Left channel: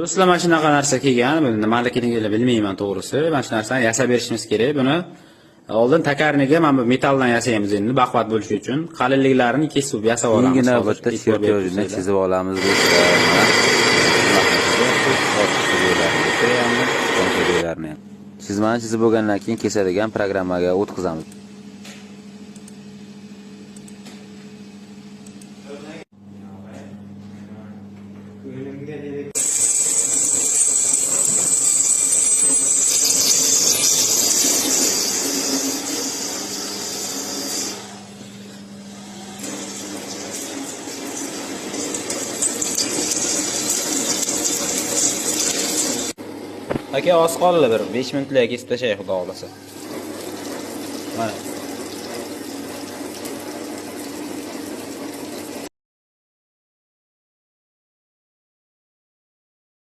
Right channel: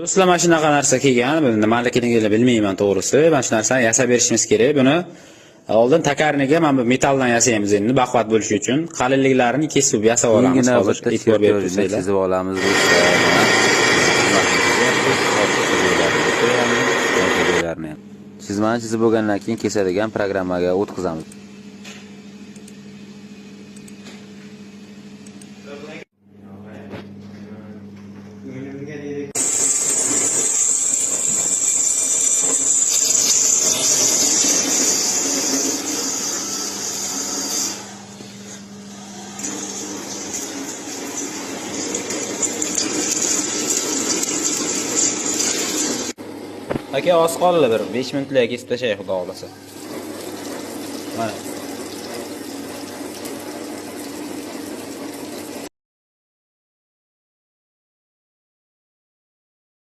Do'stlar, mana shunaqa narsa kelgan. Buni nimaligini bilmayman to'g'risi. Mana shu narsani yasab berishimiz kerak. Buni oldin takarniga mana bu metalldan yasaymiz endi baquvvat bo'lishi uchun. Qalinliklarini kesib yasab olamiz. Keyingi navbatda chertyojni chizib olamiz do'stlar. Chizmani chizib bo'lgandan keyin kesadigan programmaga o'tkazamiz. Aka, oz qoldi bir 5 minutlarga kesib tashay xudo xolasa. Mana